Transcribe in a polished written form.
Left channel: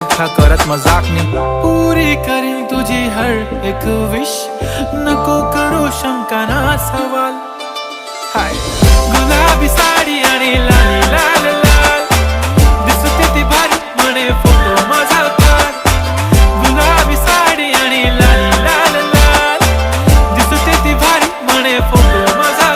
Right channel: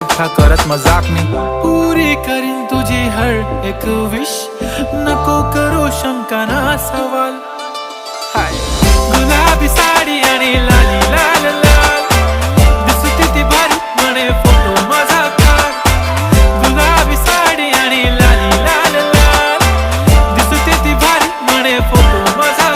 करत मजाकनी पुरी करीन तुझी हर एक विश, नको करू शंका ना सवाल। हाय गुलाबी साडी आणि लाली लाल लाल, दिसते ती भारी म्हणे फोटो माझा काढ। गुलाबी साडी आणि लाली लाल लाल, दिसते ती भारी म्हणे फोटो माझा